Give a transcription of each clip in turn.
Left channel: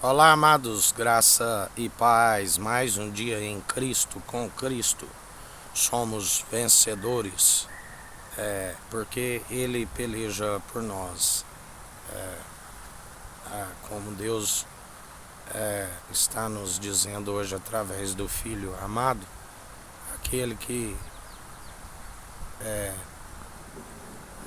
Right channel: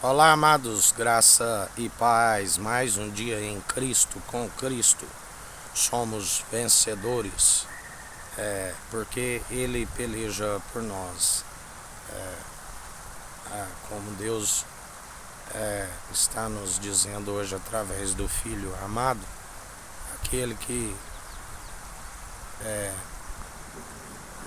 Olá, amados, graça e paz. Mais um dia em Cristo, com Cristo. Somos vencedores, porque Ele peleja por nós. Como Deus está nos dizendo hoje através do Filho amado, aquele que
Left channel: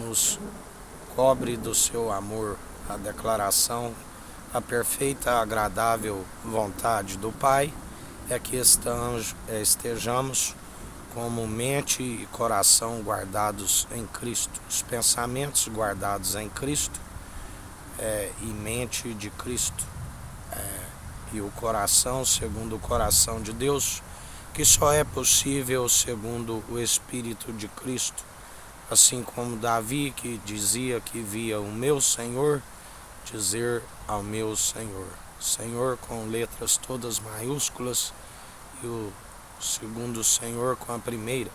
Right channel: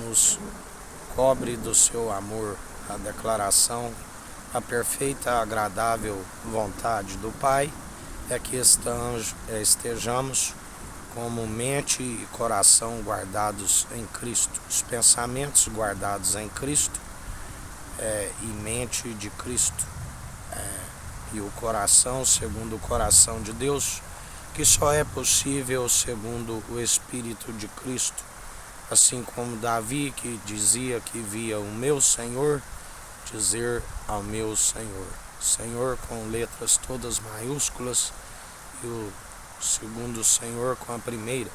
nos cobre do seu amor, a declaração, a perfeita, agradável vontade do Pai é que estejamos como mente e coração guardados em Cristo, os pensamentos guardados em Cristo e mente de Cristo, e o coração segundo o coração de Deus, que só é possível segundo o Espírito de Cristo, assim como Davi, que dizia que via o meu Senhor, dizer ao meu Senhor, Senhor com letras todas maiúsculas, e o segundo Senhor com a primeira,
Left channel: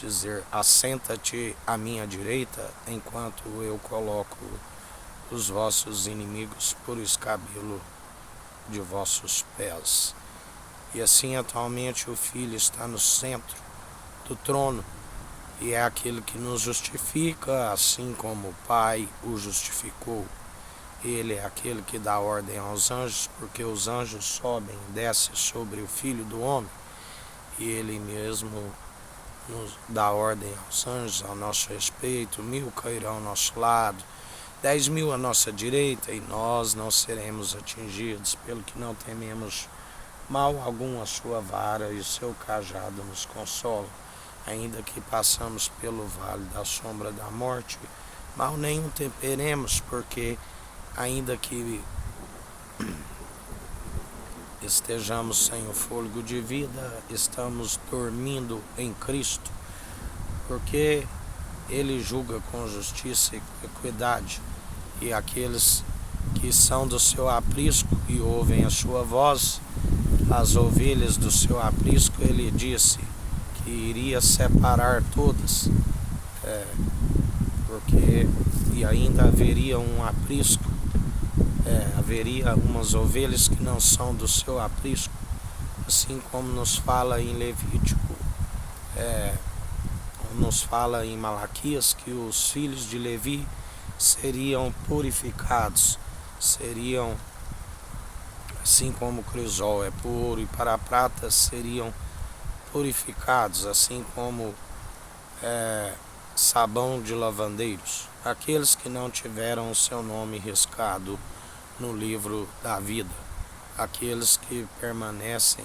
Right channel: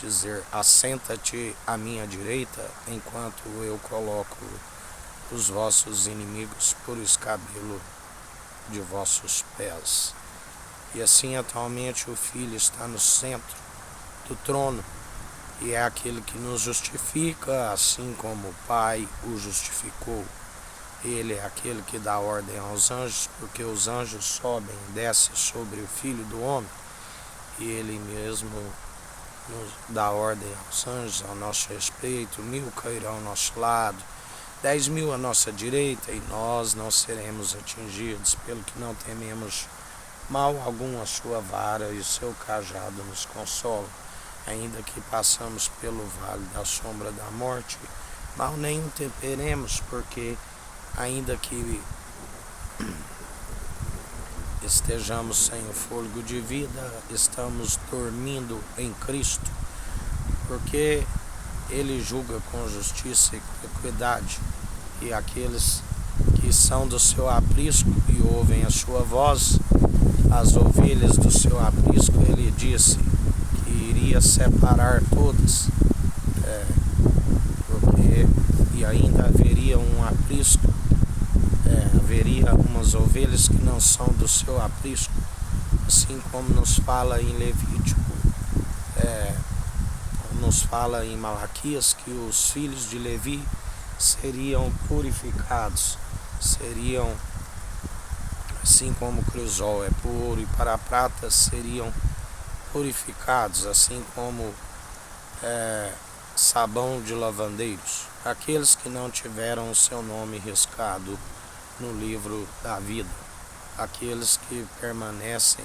dizer assenta-te à minha direita, enquanto eu coloco os vossos inimigos por escabelo de vossos pés. E assim atualmente o Filho está no centro do trono, e é aquele que nos justifica, assim como o Pai o justificou. Ele é aquele que dá ordem aos anjos, porque os anjos sobem e descem sobre o Filho do Homem, e Ele mesmo nos dá ordem aos anjos ao nosso respeito. 1000 cairão ao nosso lado, 10.000 à nossa direita, e nós não seremos atingidos, pelo que não tememos mal algum. A sua vara e o seu cajado nos consolam. Ainda que passamos pelo vale da sombra da morte, mal nenhum temeremos, porque ainda que estejamos sem o fôlego de vida, estamos dormindo em Cristo, porque Ele julga com justiça e equidade, e aqueles que são do seu aprisco e ouvem a sua voz, as ovelhas do seu aprisco, Ele disse que iria separar todas, porque e ainda haveria um aprisco, haveria umas ovelhas que não são do seu aprisco, assim como nos fala em Levítico, nos fala em Malaquias, que os filhos de Levi seriam purificados, seriam assim como o crisol é puro, e para a prata seriam purificados, assim como sabão de lavandeiros, aqueles que não tiveram o seu nome riscado no livro da vida, aqueles que permanecem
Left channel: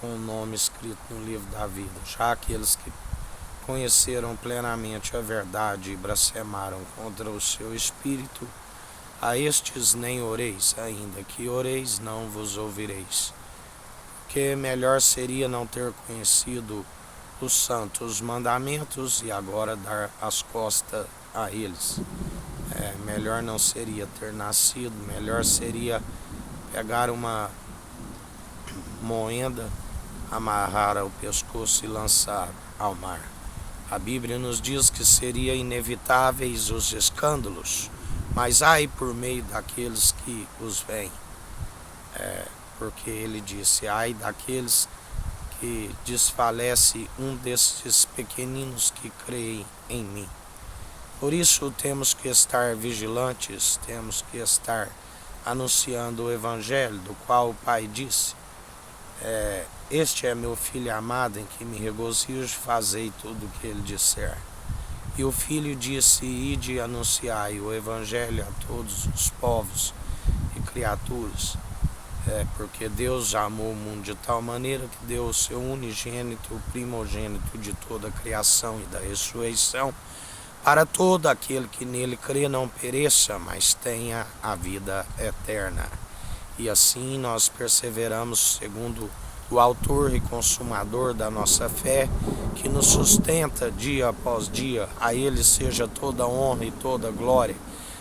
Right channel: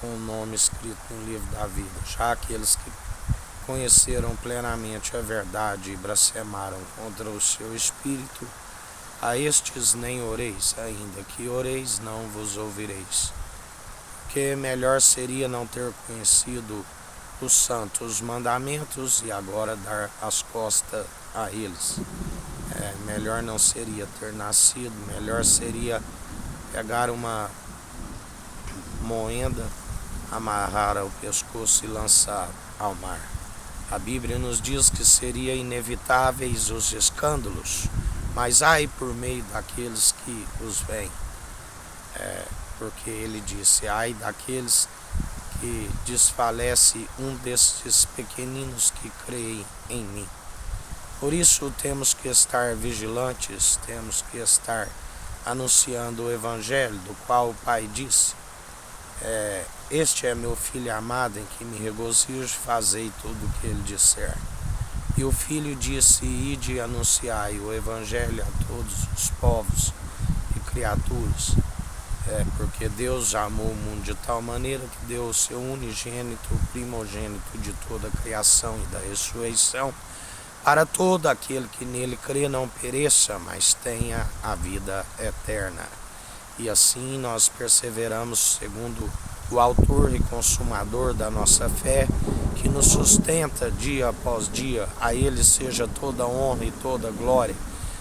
com o nome escrito no livro da vida. Já aqueles que conheceram plenamente a verdade e blasfemaram contra o seu espírito, a estes nem oreis, ainda que oreis não vos ouvireis. Porque melhor seria não ter conhecido os santos mandamentos e agora dar as costas a eles. Melhor não seria ter nascido, melhor seria pegar uma moenda, amarrar ao pescoço e lançar ao mar. A Bíblia nos diz que seria inevitáveis os escândalos, mas ai por meio daqueles que os veem, porque ele disse, ai daqueles que desfalece um destes pequeninos que creem em mim. Por isso temos que estar vigilantes, temos que estar anunciando o Evangelho, do qual o Pai disse, este é meu Filho amado, em que me regozijo, fazei tudo o que ele disser. E o Filho disse, ide e anunciai o Evangelho a todos os povos e criaturas, porque Deus amou o mundo de tal maneira que deu o seu unigênito, o primogênito de toda a criação e da ressurreição, para todo aquele que nele crê não pereça, mas tenha a vida eterna. E assim nós perseveramos segundo o autor e consumador da nossa fé, que nos sustenta dia após dia. A Ele seja toda honra e toda glória.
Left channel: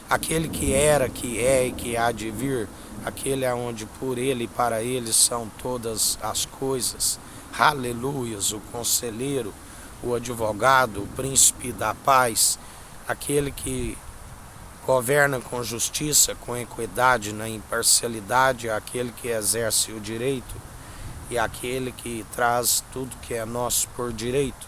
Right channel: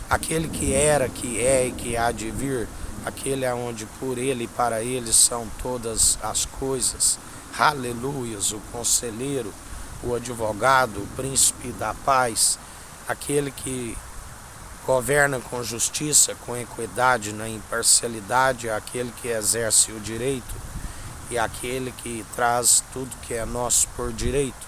Aquele que era, que é e que há de vir, aquele aonde por Ele e para Ele são todas as coisas. Aleluias, o conselheiro, o advogado, o príncipe da paz, aquele que governa com justiça, com equidade, na imparcialidade, é aquele que exerce o direito e aquele que traz tudo que é nosso por direito,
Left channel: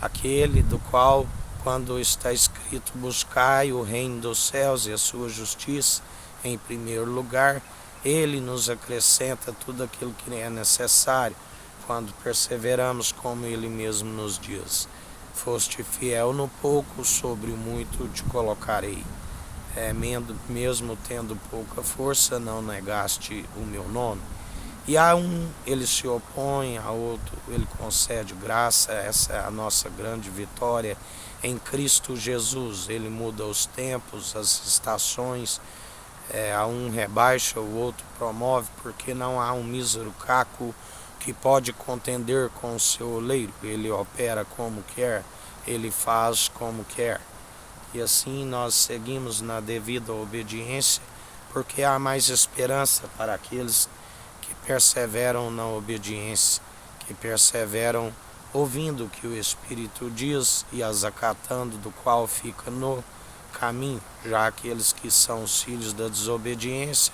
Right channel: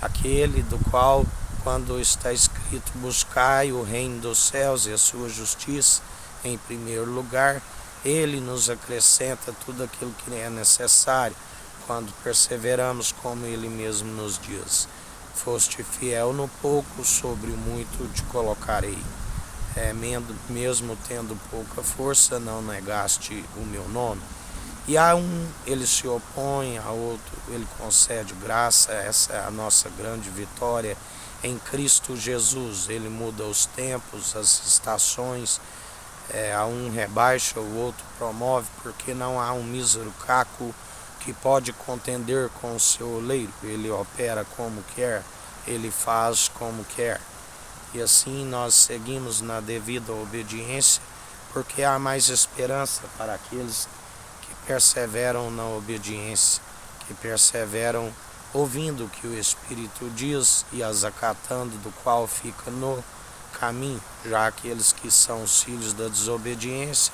aquele do qual, quando está escrito, buscai o reino dos céus e a sua justiça em primeiro lugar, ele nos acrescenta tudo aquilo que é necessário, quando perseveramos, como ele mesmo nos diz: foste fiel no pouco, sobre o muito te colocarei. Mesmo tendo pouca força, não negaste o meu nome. E a um ele se opõe, a outro ele concede graça. Essa é a nossa grande vitória em Cristo Jesus. Ele muda os tempos, as estações, a um rebaixa, o outro promove, porque não há um mísero caco que pode contender com o seu oleiro. Ele opera como quer, ele faz como quer. E assim nós seguimos na devida obediência, porque há mais esperança para aqueles que perseveram na obediência, que perseveram ouvindo o que o Espírito diz e as acatando, do qual fica no caminho. Já aqueles que são os filhos da desobediência,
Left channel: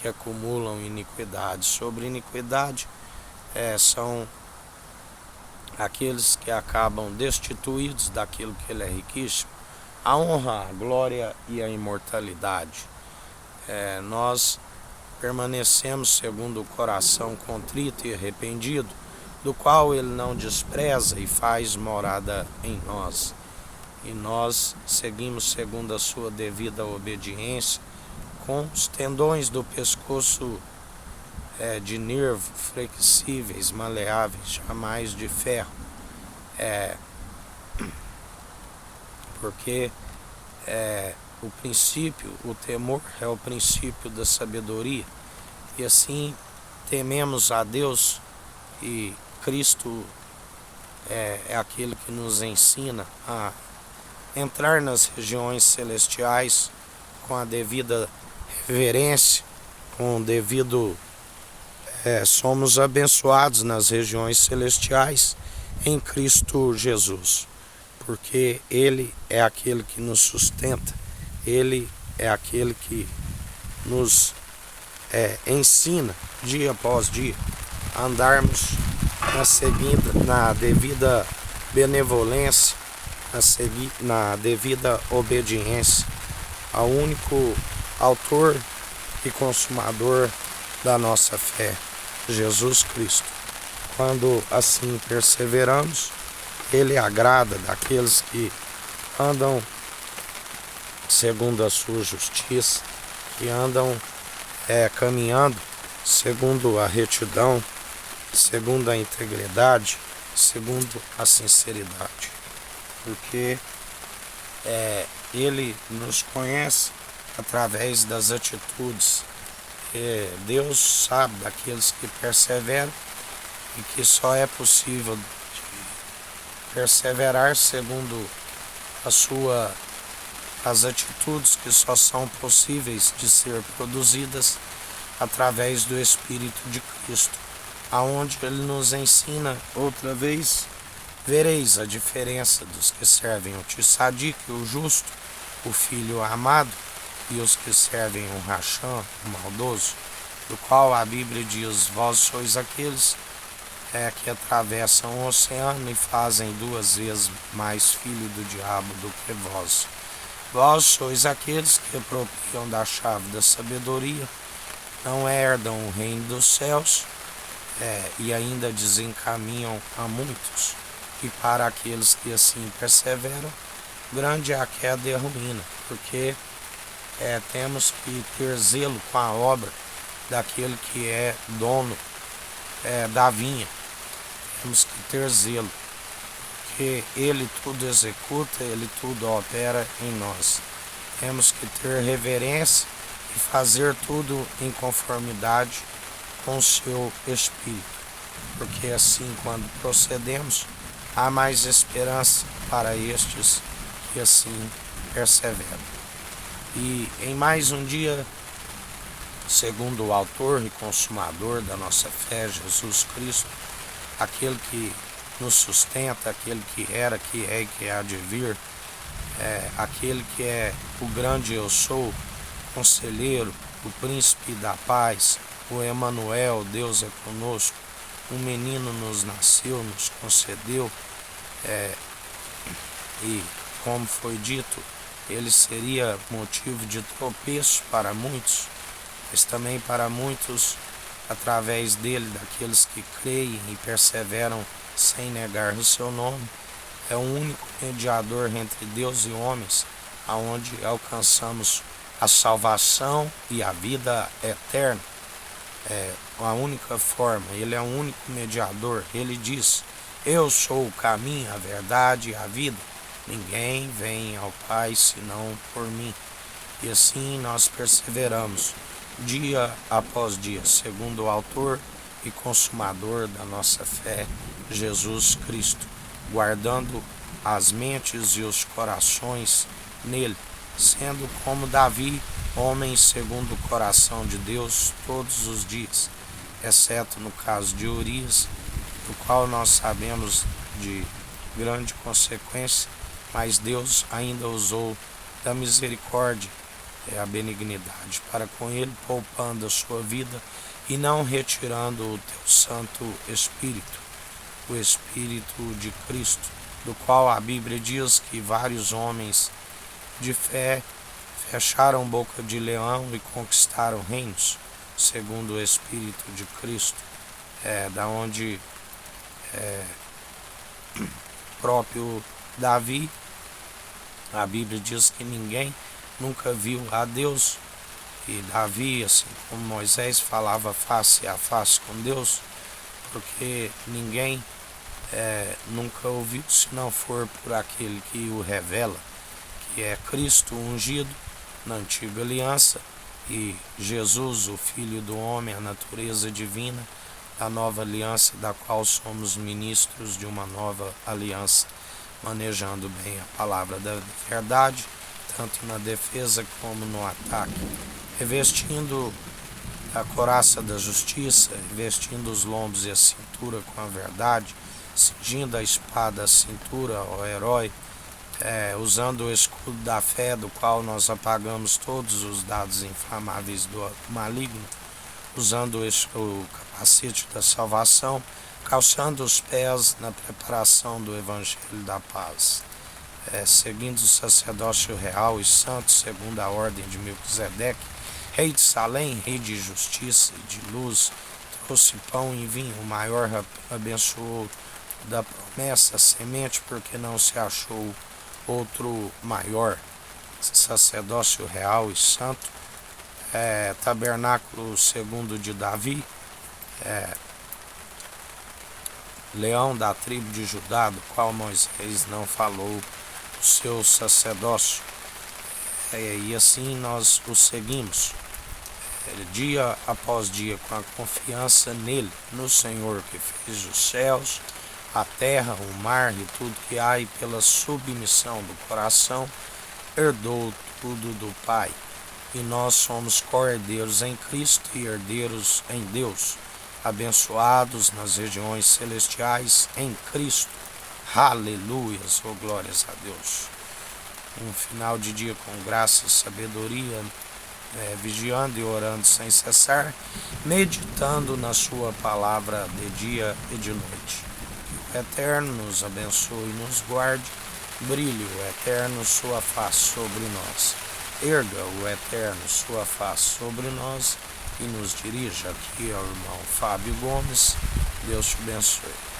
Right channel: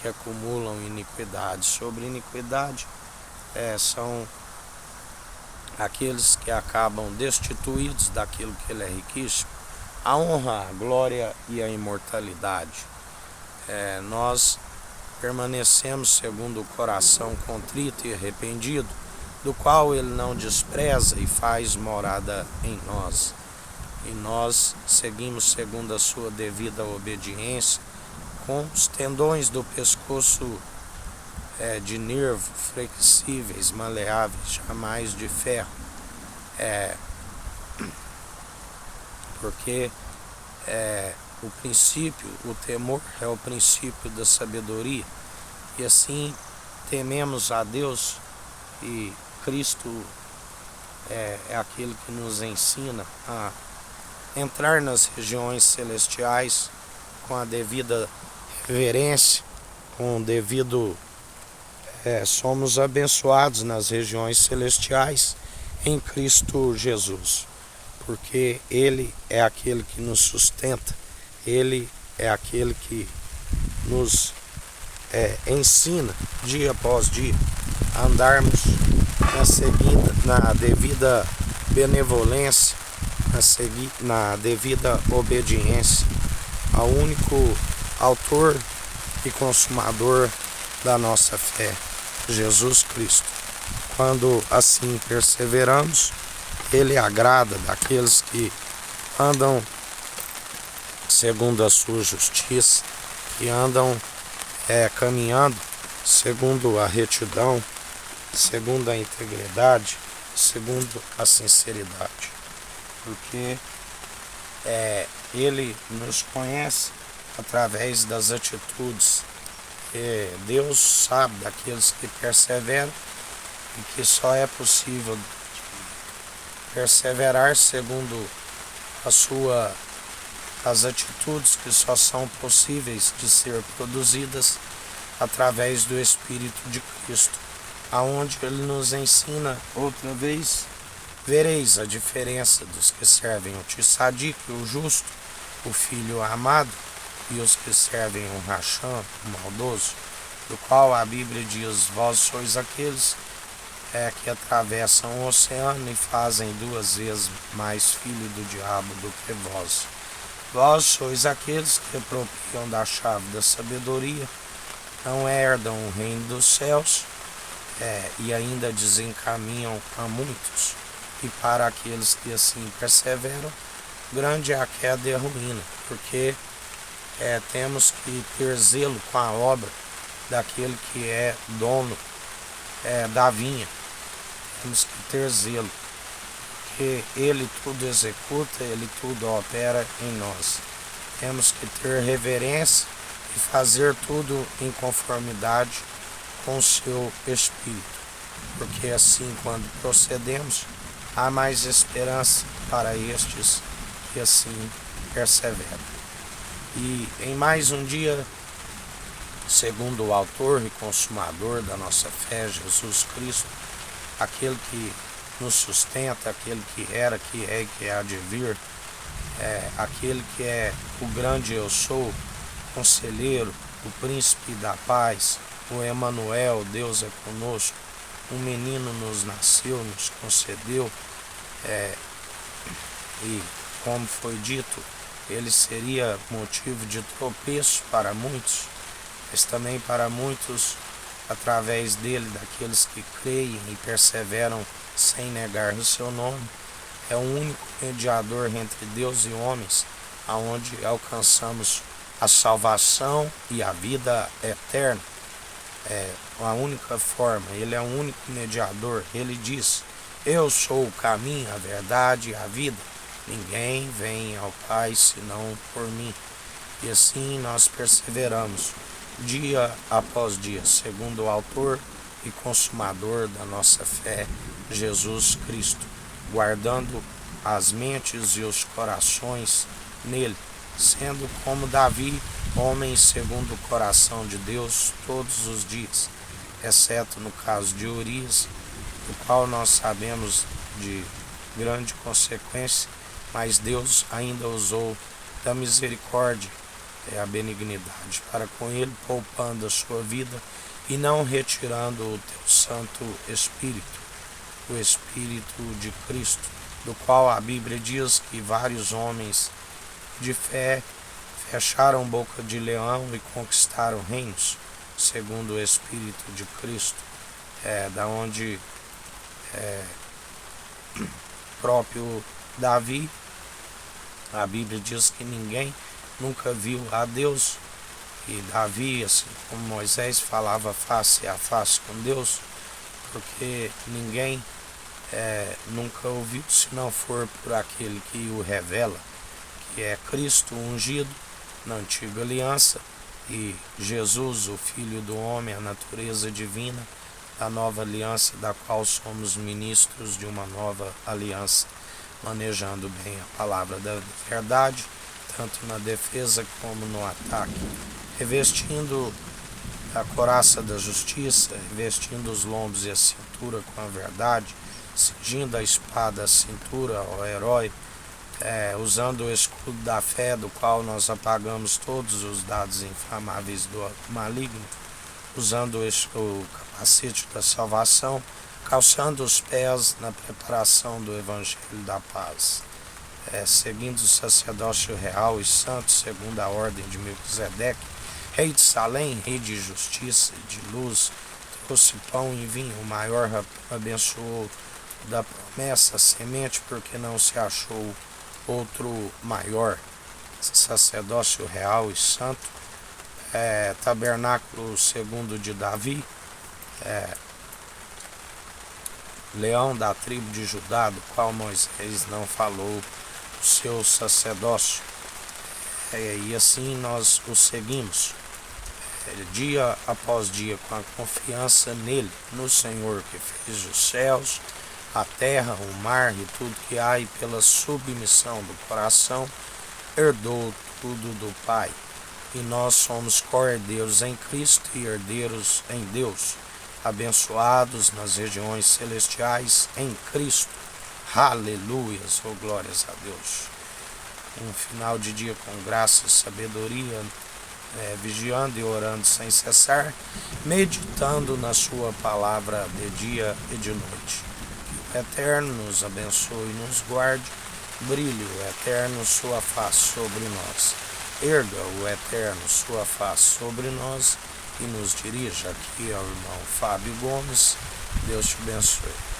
que acumulam iniquidade sobre iniquidade, são aqueles que acabam destituídos daquilo que ele é riquíssimo, a honra, a glória e a imortalidade. Nós permanecemos segundo o coração contrito e arrependido, do qual ele não despreza e faz morada em nós. E nós seguimos segundo a sua devida obediência, com os tendões do pescoço de nervo, flexíveis, maleáveis, jamais de ferro. Porque o princípio, o temor é o princípio da sabedoria. E assim tememos a Deus, e Cristo é aquele que nos ensina a entrar nas regiões celestiais com a devida reverência, com o devido... somos abençoados nas regiões celestiais em Cristo Jesus, porque Ele é aquele que nos sustenta, Ele é aquele que nos ensina dia após dia a andarmos na devida benevolência, na devida obediência ao único autor e consumador da nossa fé, Jesus Cristo. Quando assim perseveramos, Ele agrada daqueles que andam segundo a sua justiça, que andam caminhando segundo a retidão, segundo a integridade, segundo a sinceridade. Porque Ele nos conhece através das atitudes. Deus sabe daqueles que perseveram, e que só é possível perseverar segundo as atitudes que só são possíveis de ser produzidas através do Espírito de Cristo, aonde Ele nos ensina outra vez: vereis a diferença dos que servem o Tissadique, o justo, o filho amado, e os que servem o Racham, o maldoso, do qual a Bíblia diz: vós sois aqueles que atravessam o oceano e fazem 2 vezes mais filho do diabo do que vós. Vós sois aqueles que apropriam da chave da sabedoria, não herdam o reino dos céus, e ainda desencaminham a muitos. E para aqueles que assim perseveram, grande é a queda e a ruína, porque temos que ter zelo com a obra daquele que é dono da vinha. Temos que ter zelo, porque Ele tudo executa, Ele tudo opera em nós. Temos que ter reverência e fazer tudo em conformidade com o seu Espírito, porque assim, quando procedemos, há mais esperança para estes que assim perseveram. E em mais um dia, segundo o autor e consumador da nossa fé, Jesus Cristo, aquele que nos sustenta, aquele que era, que é e que há de vir, aquele que é o grande eu sou, conselheiro, o príncipe da paz, o Emanuel, Deus é conosco, um menino nos nasceu, nos concedeu, e como foi dito, ele seria motivo de tropeço para muitos, mas também para muitos, através dele, daqueles que creem e perseveram sem negar o seu nome. É o único mediador entre Deus e homens, aonde alcançamos a salvação e a vida eterna. É a única forma, ele é o único mediador. Ele diz: eu sou o caminho, a verdade e a vida. Ninguém vem ao Pai senão por mim. E assim nós perseveramos, dia após dia, segundo o autor e consumador da nossa fé, Jesus Cristo, guardando as mentes e os corações nele, sendo como Davi, homem segundo o coração de Deus todos os dias, exceto no caso de Urias, do qual nós sabemos de grande consequência, mas Deus ainda usou da misericórdia e a benignidade para com ele, poupando a sua vida e não retirando o teu Santo Espírito, o Espírito de Cristo, do qual a Bíblia diz que vários homens de fé fecharam boca de leão e conquistaram reinos, segundo o Espírito de Cristo, da onde próprio Davi, a Bíblia diz que ninguém nunca viu a Deus, e Davi, assim como Moisés, falava face a face com Deus, porque ninguém nunca ouviu se não for por aquele que o revela, que é Cristo ungido na antiga aliança e Jesus, o Filho do homem, a natureza divina da nova aliança, da qual somos ministros de uma nova aliança, manejando bem a palavra da verdade, tanto na defesa como no ataque, revestindo a couraça da justiça, revestindo os lombos e a cintura com a verdade, cingindo a espada à cintura, ó herói, usando o escudo da fé, do qual nós apagamos todos os dados inflamáveis do maligno, usando o capacete da salvação, calçando os pés na preparação do Evangelho da paz, seguindo o sacerdócio real e santo, segundo a ordem de Melquisedeque, rei de Salém, rei de justiça e de luz, trouxe pão e vinho, o maior abençoou da promessa, a semente, porque não se achou outro maior, sacerdócio real e santo, tabernáculo segundo de Davi, leão da tribo de Judá, do qual Moisés não falou o seu sacerdócio, e assim nós o seguimos, dia após dia, com a confiança nele, no Senhor que fez os céus, a terra, o mar e tudo que há, e pela submissão do coração herdou tudo do Pai. E nós somos co-herdeiros em Cristo e herdeiros em Deus, abençoados nas regiões celestiais em Cristo. Aleluias, oh glórias a Deus. Um final de dia com graça e sabedoria, vigiando e orando sem cessar, meditando na sua palavra de dia e de noite. Que o Eterno nos abençoe e nos guarde, brilhe o Eterno sua face sobre nós, erga o Eterno sua face sobre nós e nos dirija. Aqui é o irmão Fábio Gomes. Deus te abençoe.